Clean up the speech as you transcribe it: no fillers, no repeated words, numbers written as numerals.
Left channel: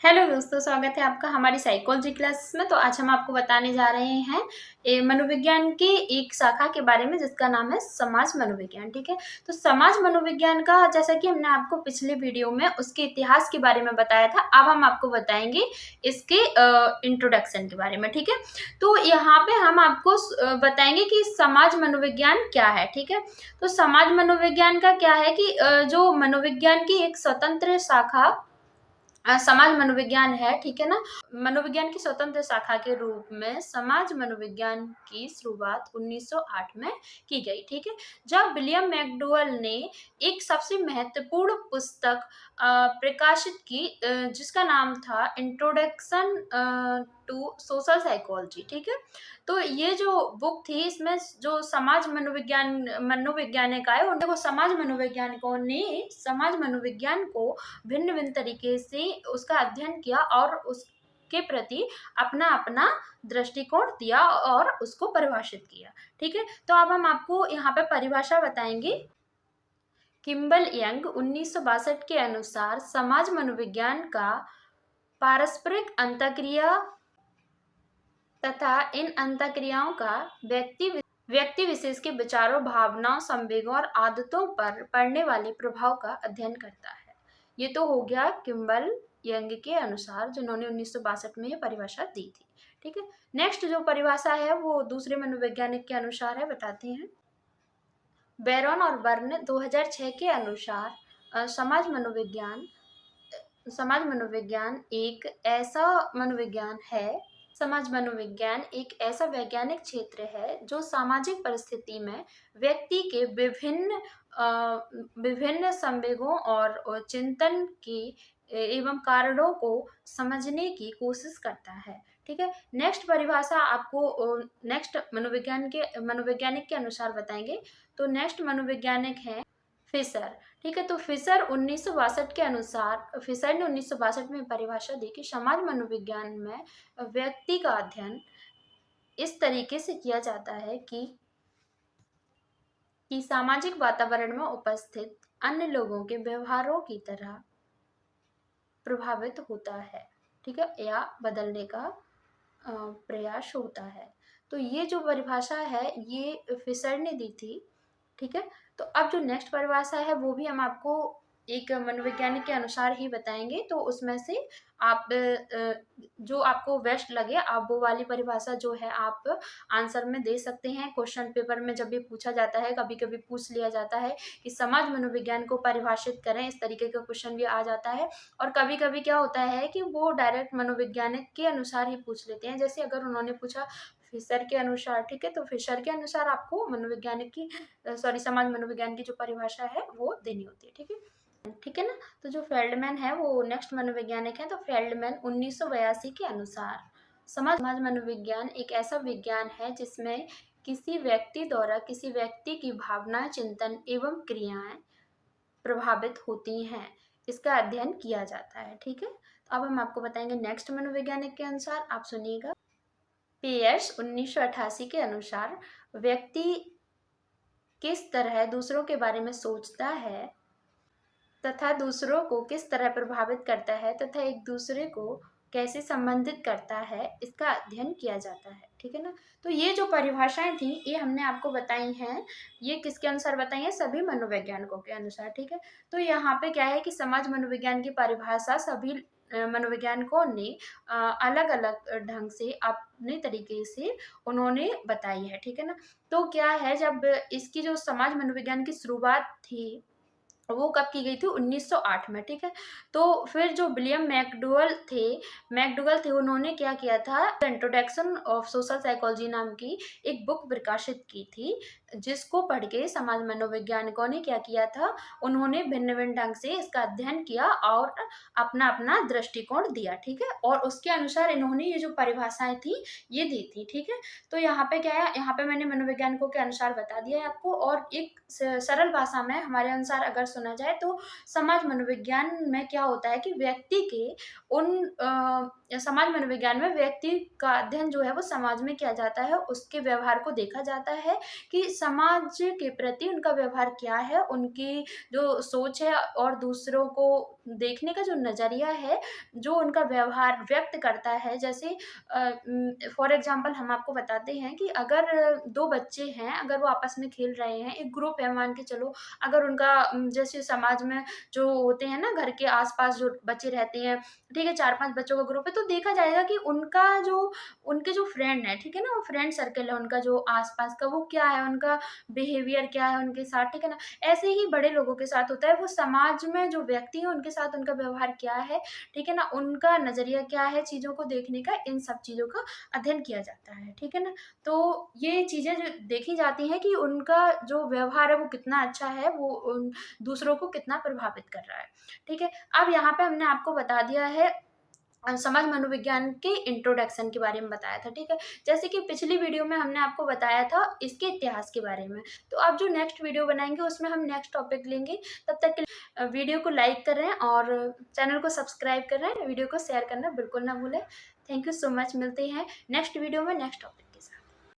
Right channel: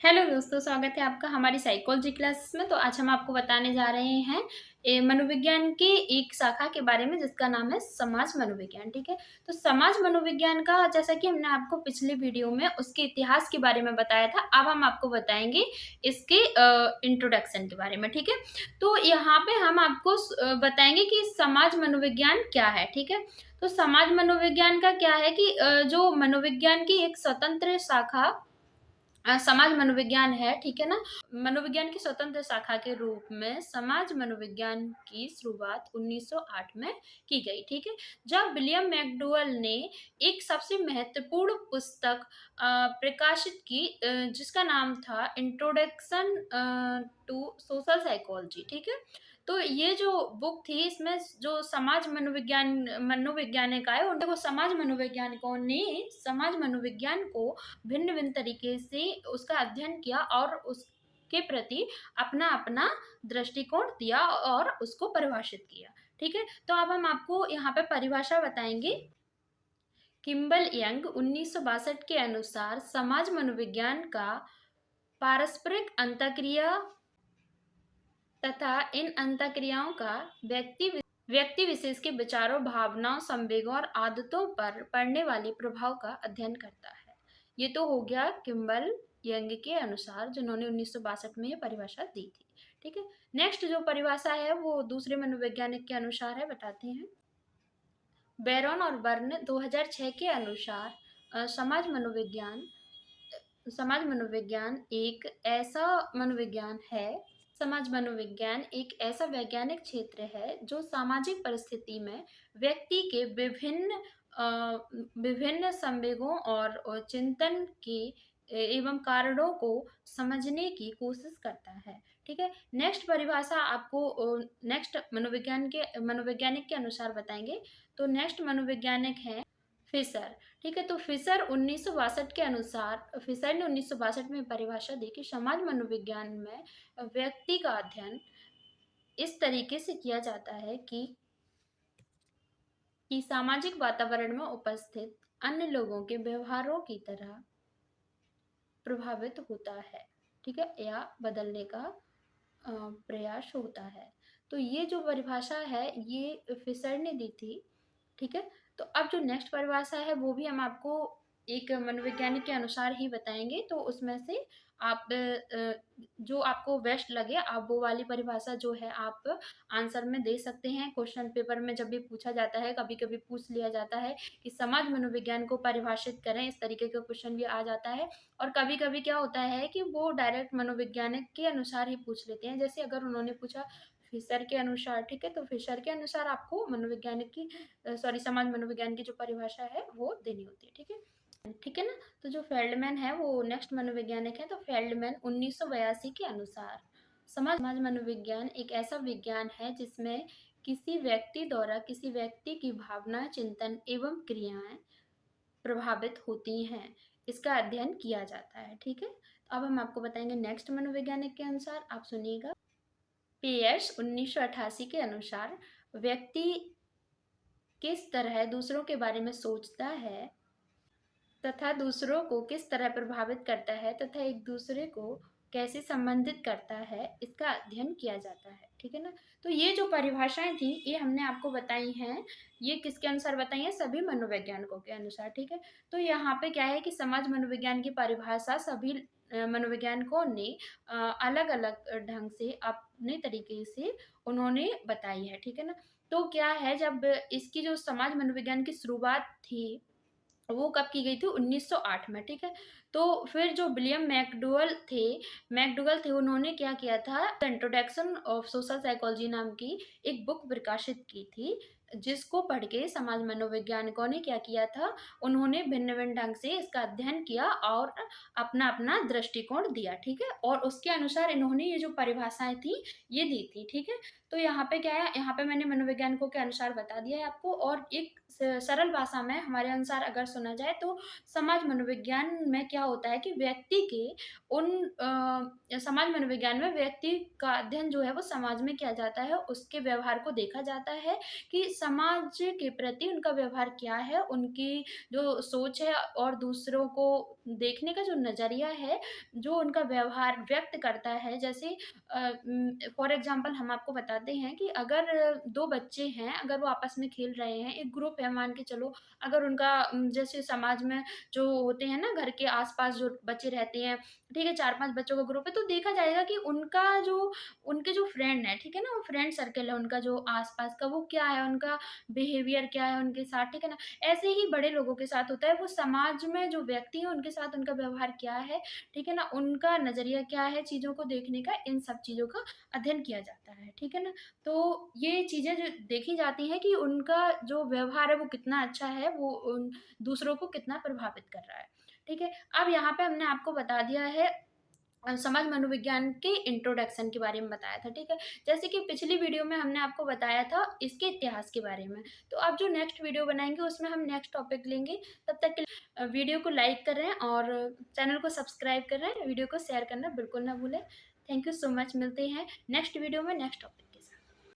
Hello दोस्तों, स्वागत है आपका हमारी साइकोलॉजी क्लासेस में। तो आज हम आपको बताने जा रहे हैं मनोविज्ञान की एक शाखा के बारे में जिसका नाम है समाज मनोविज्ञान। ठीक है, तो समाज मनोविज्ञान का जैसा कि हमने आपको पिछले वीडियो में उसके इतिहास के बारे में बताया था, अब हम आपको बताएंगे इसके इंट्रोडक्शन के बारे में। ठीक है, तो यहाँ पे हम आपको बताएंगे कि समाज मनोविज्ञान क्या है। ठीक है, तो समाज मनोविज्ञान का क्या है कि जो मनोविज्ञान की एक स्वतंत्र शाखा समाज मनोविज्ञान है। ठीक है ना, मनोविज्ञान की स्वतंत्र शाखा के रूप में समाज मनोविज्ञान की शुरुआत 1908 में की गई। ठीक है, जब विलियम मैकडूगल ने एक सबसे महत्वपूर्ण पुस्तक प्रकाशित की जिसका नाम था इंट्रोडक्शन टू सोशल साइकोलॉजी। ठीक है, तो ये जो बुक थी इसमें जो समाज मनोवैज्ञानिक आए उनको समाज मनोवैज्ञानिकों ने समाज मनोविज्ञान को भिन्न भिन्न तरीके से उसका अध्ययन किया और उसके प्रति अपना अपना दृष्टिकोण दिया और उसको परिभाषित किया। ठीक है, तो अब हम आपको यहाँ पे परिभाषा बताएंगे। किम्बल यंग 1962 के अनुसार समाज मनोविज्ञान का पारस्परिक अंतःक्रिया तथा इन अंतःक्रियाओं का व्यक्ति विशेष के विचारों, भावनाओं, संवेगों और आदतों पर पड़ने वाले प्रभाव का अध्ययन करता है। ये तो हो गया किम्बल यंग के अनुसार, जिन्होंने 1962 में ये परिभाषा दी थी। ठीक है, नेक्स्ट जो परिभाषा है वो दूसरे मनोवैज्ञानिक के अनुसार है, बताते हैं। बैरन और बर्न 2006 के अनुसार समाज मनोविज्ञान एक ऐसा मनोविज्ञान है समाज मनोविज्ञान एक ऐसा वैज्ञानिक क्षेत्र है जो सामाजिक परिस्थिति में व्यक्ति के विभिन्न संवेगों और चिंतन की एवं कारणों को समझने की कोशिश करता है। ठीक है, नेक्स्ट परिभाषा आपको नेक्स्ट मनोवैज्ञानिक के अनुसार बताएंगे। तो नेक्स्ट मनोवैज्ञानिक है फिशर। ठीक है, तो फिशर ने 1962 में परिभाषा दी कि समाज मनोविज्ञान में व्यक्ति का अध्ययन इस तरीके से किया जाता है कि सामाजिक वातावरण में उपस्थित अन्य लोगों के व्यवहारों की तरह प्रभावित होता है। ठीक है, या बदलने का प्रयास होता है। तो ये जो परिभाषा है ये फिशर ने दी थी। ठीक है, तो अब जो नेक्स्ट परिभाषा है वो भी हम आपको एक मनोवैज्ञानिक के अनुसार ही बताएंगे। तो उसमें से आप जो आपको बेस्ट लगे आप वो वाली परिभाषा जो है आप आंसर में दे सकते हैं। क्वेश्चन पेपर में जब भी पूछा जाता है, कभी कभी पूछ लिया जाता है कि समाज मनोविज्ञान को परिभाषित करें, इस तरीके का क्वेश्चन भी आ जाता है। और कभी कभी क्या होता है कि वो डायरेक्ट मनोवैज्ञानिक के अनुसार ही पूछ लेते हैं। जैसे अगर उन्होंने पूछा फिशर के अनुसार, ठीक है, तो फिशर के अनुसार आपको मनोवैज्ञानिक की समाज मनोविज्ञान की जो परिभाषा है वो देनी होती है। ठीक है, ठीक है ना। तो जो फेल्डमैन है वो नेक्स्ट मनोवैज्ञानिक है। तो फेल्डमैन 1982 के अनुसार समाज मनोविज्ञान एक ऐसा विज्ञान है जिसमें किसी व्यक्ति द्वारा किसी व्यक्ति की भावना, चिंतन एवं क्रियाएं प्रभावित होती हैं, इसका अध्ययन किया जाता है। ठीक है, तो अब हम आपको बताएंगे नेक्स्ट मनोवैज्ञानिक के अनुसार, आप सुनिएगा। पियर्स 1988 के अनुसार व्यक्ति किस तरह दूसरों के बारे में सोचता है तथा दूसरों को किस तरह प्रभावित करता है तथा एक दूसरे को कैसे संबंधित करता है, इसका अध्ययन किया जाता है। ठीक है ना, तो ये जो परिभाषाएं थी ये हमने आपको बताई हैं। ये किसके अनुसार बताई हैं? सभी मनोवैज्ञानिकों के अनुसार। ठीक है, तो यहाँ पे क्या है कि समाज मनोविज्ञान की परिभाषा सभी मनोवैज्ञानिकों ने अलग अलग ढंग से अपने तरीके से उन्होंने बताई है। ठीक है ना, तो क्या है, जब इसकी जो समाज मनोविज्ञान की शुरुआत थी वो कब की गई थी? 1908 में। ठीक है, तो फिर जो विलियम मैकडूगल थे उन्होंने क्या किया था, इंट्रोडक्शन ऑफ सोशल साइकोलॉजी नाम की एक बुक प्रकाशित की थी, जिसको पढ़ के समाज मनोवैज्ञानिकों ने क्या किया था, उन्होंने भिन्न भिन्न ढंग से इसका अध्ययन किया और अपना अपना दृष्टिकोण दिया। ठीक है, और उसके अनुसार इन्होंने ये जो परिभाषाएं थी ये दी थी। ठीक है, तो यहाँ पे क्या है, यहाँ पे मैंने मनोवैज्ञानिकों के अनुसार बता दिया है आपको। और एक सरल भाषा में हमारे अनुसार अगर सुना जाए तो समाज मनोविज्ञान में क्या होता है कि व्यक्ति के समाज मनोविज्ञान में व्यक्ति का अध्ययन जो है वो समाज में किया जाता है, उसके व्यवहार को देखा जाता है कि समाज के प्रति उनका व्यवहार क्या है, उनकी जो सोच है और दूसरों को देखने का जो नज़रिया है, जो उनका व्यवहार व्यक्त करता है। जैसे फॉर एग्ज़ाम्पल हम आपको बताते हैं कि अगर 2 बच्चे हैं, अगर वो आपस में खेल रहे हैं, एक ग्रुप है मान के चलो, अगर उनका जैसे समाज में जो होते हैं ना घर के आस-पास जो बच्चे रहते हैं, ठीक है, 4-5 बच्चों का ग्रुप है, तो देखा जाएगा कि उनके जो फ्रेंड हैं, ठीक है ना, वो फ्रेंड सर्कल है उनका जो आस-पास का, वो क्या है, उनका बिहेवियर क्या है उनके साथ, ठीक है ना? ऐसे ही बड़े लोगों के साथ होता है, वो समाज में जो व्यक्ति हैं, उनके साथ उनका व्यवहार क्या है, ठीक है ना? उनका नज़रिया क्या है चीज़ों को देखने का, इन सब चीज़ों का अध्ययन किया जाता है, ठीक है ना? तो ये चीज़ें जो देखी जाती हैं कि उनका जो व्यवहार है वो कितना अच्छा है, वो उन दूसरों को कितना प्रभावित कर रहा है, ठीक है? अब यहाँ पे हमने आपको बता दिया है समाज मनोविज्ञान के इंट्रोडक्शन के बारे में बताया था, ठीक है? जैसे कि पिछली वीडियो में हमने आपको बताया था इसके इतिहास के बारे में। तो अब जो नेक्स्ट वीडियो बनाएँगे उसमें हम नेक्स्ट टॉपिक लेंगे। तब तक के लिए वीडियो को लाइक कर रहे हैं और चैनल को सब्सक्राइब कर रहे हैं। वीडियो को शेयर करना बिल्कुल ना भूलें। थैंक यू सो मच, मिलते हैं नेक्स्ट वीडियो में नेक्स्ट टॉपिक